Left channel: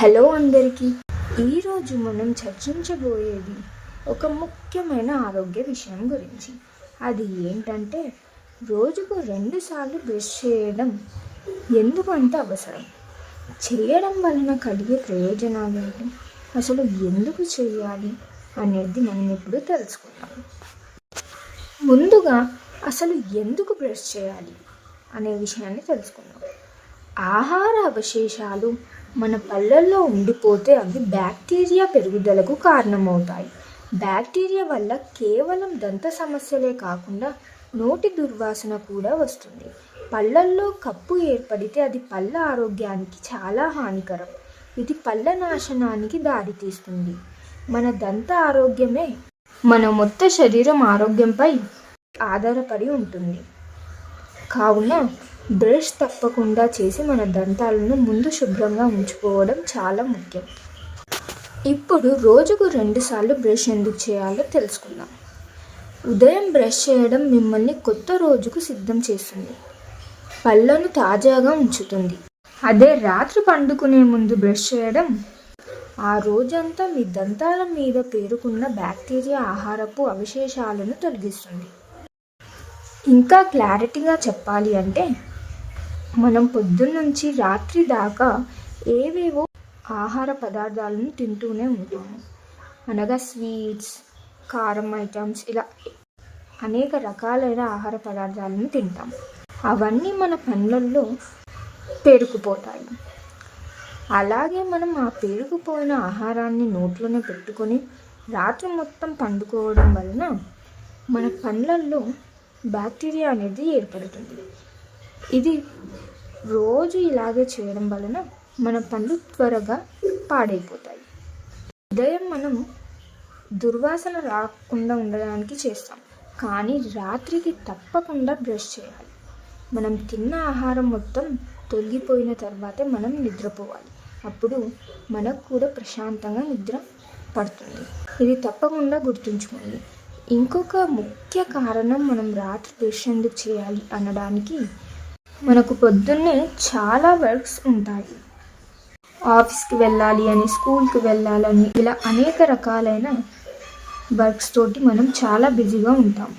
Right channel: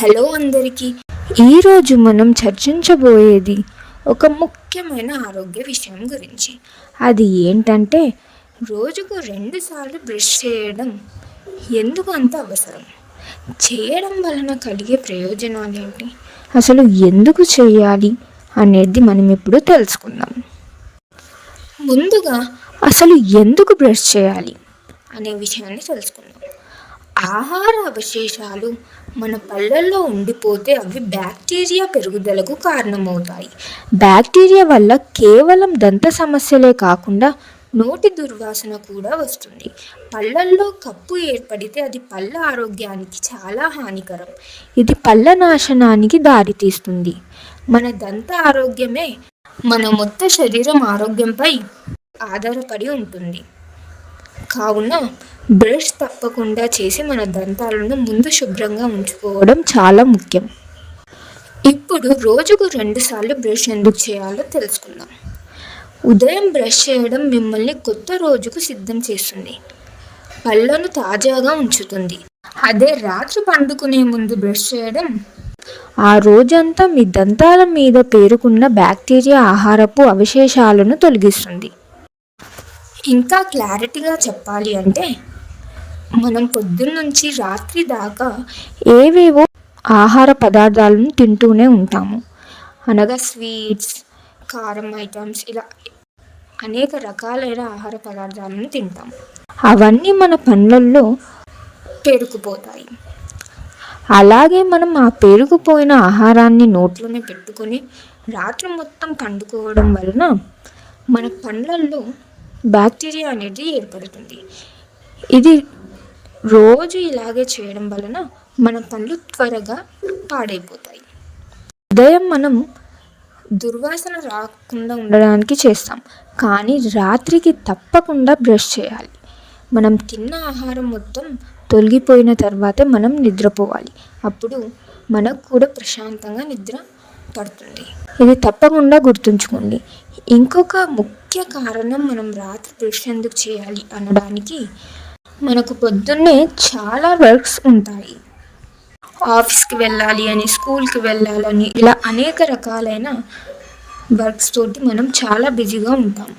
Hello అందరికీ. ఈరోజు మనం చర్చించబోయేది ఒక ముఖ్యమైన ఆరోగ్య విషయం గురించి. అది ఏంటంటే రోజుకు రెండుసార్లు బ్రష్ చేయడం ఎందుకు అంత అవసరం? చేయడం వలన కలిగే ప్రయోజనాలు ఏంటి అసలు ఎందుకు చేయాలి అనేది మనం ఇప్పుడు తెలుసుకుందాం. ముందుగా అసలు ఎందుకు బ్రష్ చేయాలి అనే విషయాన్ని తెలుసుకుందాం. ఆహార అవశేషాలు మన పళ్ళల్లో ఉండిపోతే అవి బ్యాక్టీరియా పెరుగుదలకు కారణమవుతాయి. బ్యాక్టీరియా వల్ల కేవలం దంత సమస్యలే కాకుండా నోటి దుర్వాసన కూడా వస్తుంది. పళ్ళల్లో కప్పు ఏర్పడితే అది పళ్ళ ఆరోగ్యానికి చాలా హానికరం. ఇది పళ్ళ నాశనానికి దారితీస్తుంది. మన దంత ఆరోగ్యమే మన మొత్తం శరీరం ఆరోగ్యంపై ఆధారపడి ఉంటుంది. కావున బ్రష్ తప్పకుండా చేసి మన దంతాలను ముందు శుభ్రంగా ఉంచుకోవడం చాలా ముఖ్యం. ఇప్పుడు రోజుకు రెండుసార్లు బ్రష్ ఎందుకు చేయాలో తెలుసుకుందాం. ఉదయం బ్రష్ చేయడం మిమ్మల్ని కొత్త రోజుకు సిద్ధం చేస్తుంది. పళ్ళను తాజాగా ఉంచుతుంది. అదే రాత్రి పండుకునే ముందు బ్రష్ చేయడం. ఆ రోజంతా మీ దంతాల మీద పేరుకున్న బ్యాక్టీరియా ఆహారపు అవశేషాలను తొలగిస్తుంది. ఇంకా క్లారిటీగా చెప్పాలి అంటే మనం పొద్దున్నుంచి రాత్రి దాకా ఏవేవో ఆహార పదార్థాలను తింటూనే ఉంటాము. అనగా స్వీట్స్ కారం ఐటమ్స్ ఇలా అనేక రకాలైన ఆహార పదార్థాలను తింటాం అవన్నీ మన పండ్లల్లో పేరుకుపోతాయి. అలాగే మనం ఆ పేరుకుపోయిన ఆహారాన్ని నోట్లోనే పెట్టుకొని రాత్రి మొత్తం పండుకోవడం వలన మన పండ్లల్లో బ్యాక్టీరియా అనేది ఏర్పడుతుంది. ఇది రోజు ఇలాగే చేయడం వలన మన పళ్ళు త్వరగా పాడైపోతాయి. ఉదయం మనం దుర్వాసన రాకుండా ఉండడానికి చేస్తాం. కానీ రాత్రికి తప్పకుండా బ్రష్ చేయాలి. మనం తిన్న ఆహారం మొత్తం తొలగిపోయిన తర్వాతే మనం నిద్రపోవాలి. అప్పుడు మనకు కూడా ప్రశాంతంగా నిద్ర పడుతుంది. ఇది తప్పకుండా గుర్తుంచుకోండి. ఇంకొక ముఖ్య కారణం మనం రాత్రి బ్రష్ ఎందుకు చేయాలి అనడానికి మనకు పొద్దున్నే చాలా వర్క్స్ ఉంటాయి. ఆఫీస్కి వెళ్ళాలి అని స్కూల్కి వెళ్ళాలని ఇలా అనేక రకాలైన వర్క్స్ తోటి మనం చాలా బిజీగా ఉంటాం.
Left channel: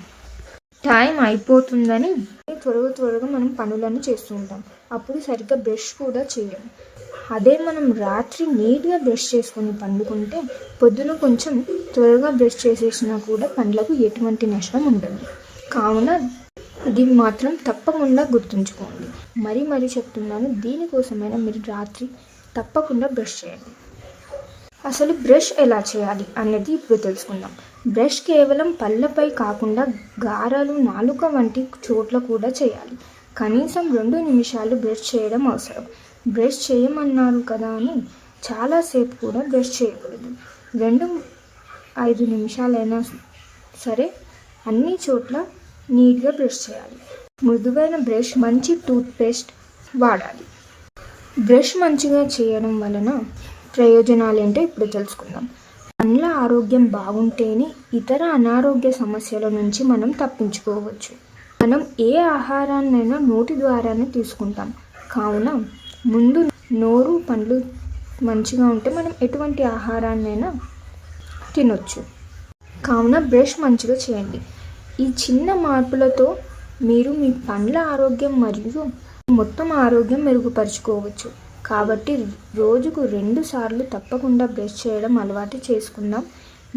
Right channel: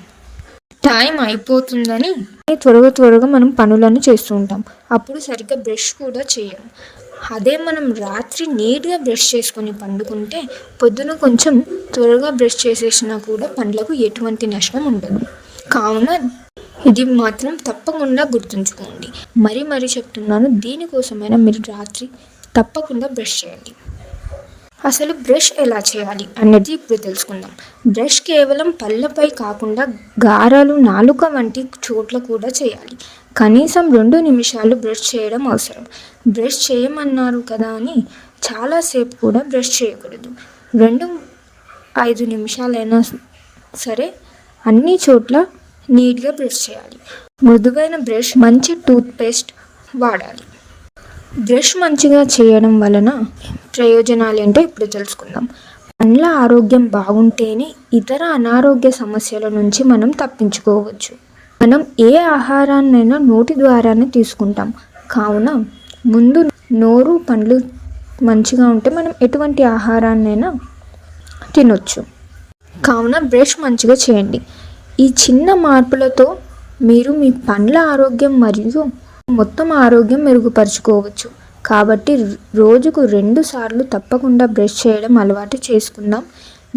టైం అయిపోతుందని త్వరగా త్వరగా మనం పనులను చేస్తూ ఉంటాం. అప్పుడు సరిగ్గా బ్రష్ కూడా చేయం. అదే మనం రాత్రి నీట్గా బ్రష్ చేసుకొని పండుకుంటే పొద్దున కొంచెం త్వరగా బ్రష్ చేసేసినా కూడా పండ్లకు ఎటువంటి నష్టం ఉండదు. కావున ఇది మాత్రం తప్పకుండా గుర్తుంచుకోండి. మరీ మరీ చెప్తున్నాను దీనికోసమైనా మీరు రాత్రి తప్పకుండా బ్రష్ చేయండి. అసలు బ్రష్ ఎలా చేయాలి అన్నది ఇప్పుడు తెలుసుకుందాం. బ్రష్ కేవలం పళ్ళపై కాకుండా గారాలు నాలుక వంటి చోట్ల కూడా చేయాలి. కనీసం రెండు నిమిషాలు బ్రష్ చేయడం అవసరం. బ్రష్ చేయమన్నారు కదా అని చాలాసేపు కూడా బ్రష్ చేయకూడదు. రెండు ఐదు నిమిషాలైనా సరే అన్ని చోట్ల నీట్గా బ్రష్ చేయాలి. మృదువైన బ్రష్ మంచి టూత్పేస్ట్ వాడాలి. బ్రష్ మంచిగా చేయడం వలన ప్రయోజనాలు ఏంటో ఇప్పుడు తెలుసుకుందాం. పండ్ల ఆరోగ్యం బాగుంటేనే ఇతర అనారోగ్య సమస్యల నుంచి మనం తప్పించుకోవచ్చు. మనం ఏ ఆహారాన్నైనా నోటి ద్వారానే తీసుకుంటాం. కావున ముందు నోరు పండ్లు మంచిగా ఉంటే మనం ఎటువంటి ఆహారాన్నైనా తినొచ్చు. కావున బ్రష్ మంచిగా చేయండి. ఈ చిన్న మార్పులతో మీరు మీ పండ్ల ఆరోగ్యం మరియు మొత్తం ఆరోగ్యం మెరుగుపరుచుకోవచ్చు. కాబట్టి రోజుకు రెండు సార్లు తప్పకుండా బ్రష్ చేయడం అలవాటు చేసుకుందాం.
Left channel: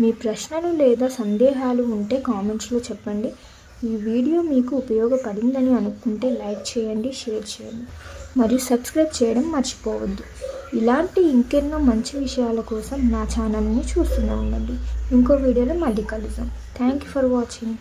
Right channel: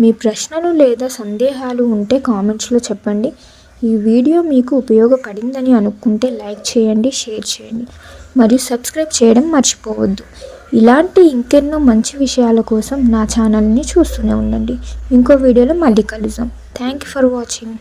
మీ ప్రశ్నలు లేదా సందేహాలు ఉంటే కామెంట్స్లో చెప్పండి. ఈ వీడియో మీకు ఉపయోగపడిందని అనుకుంటే లైక్ చేయండి షేర్ చేయండి. మరియు సబ్స్క్రైబ్ చేయడం మర్చిపోవద్దు. ఇలాంటి ఇంకెన్నో మంచి విషయాల కోసం నా ఛానల్ని చూస్తూనే ఉండండి. ఇంకో వీడియోలో మళ్ళీ కలుద్దాం. Thank you for watching.